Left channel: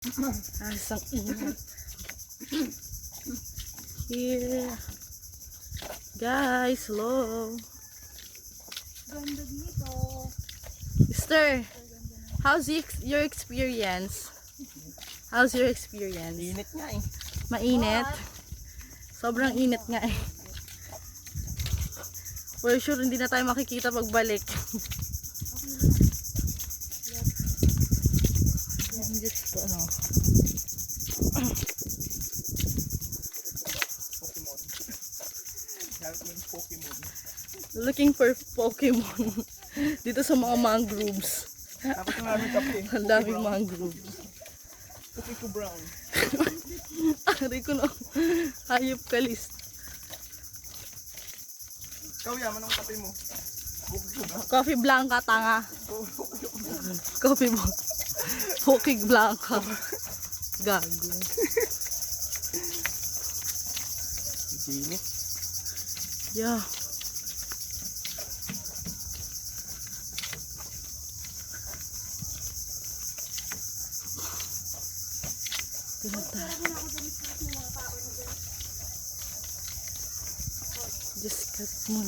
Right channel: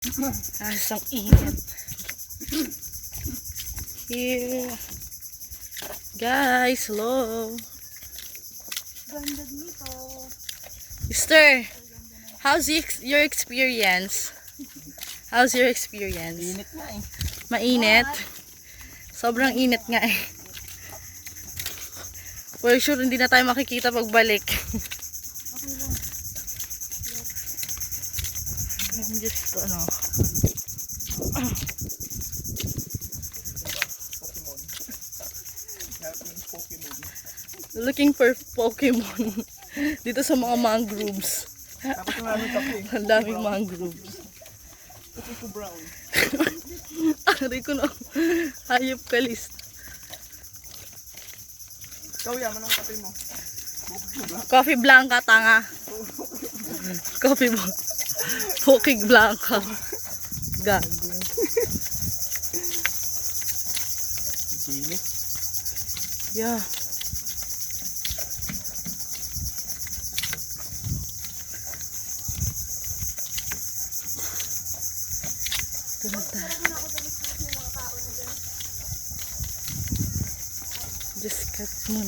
Asang init. Here. Guys, hello. Ganda dito. Sister, how's your experience? How's your experience? Init nga eh. Mainit? Sobrang init nga eh. For sure, hindi na tayo makikita pagbalik. Just ano. Pokemon. Pokemon. Looking for Pokemon. Dito sa mga mangroves. Bakit yung aming kape? Ang daming mangroves. Kape ko brown. Aray ko na. Hayop ka list. Ikaw yaman ang kape mo. Coffee Blanca, tanga. Coffee Blanca. Poking Blanca. Gago. Init. Yeah. Ganda. Just cut muna.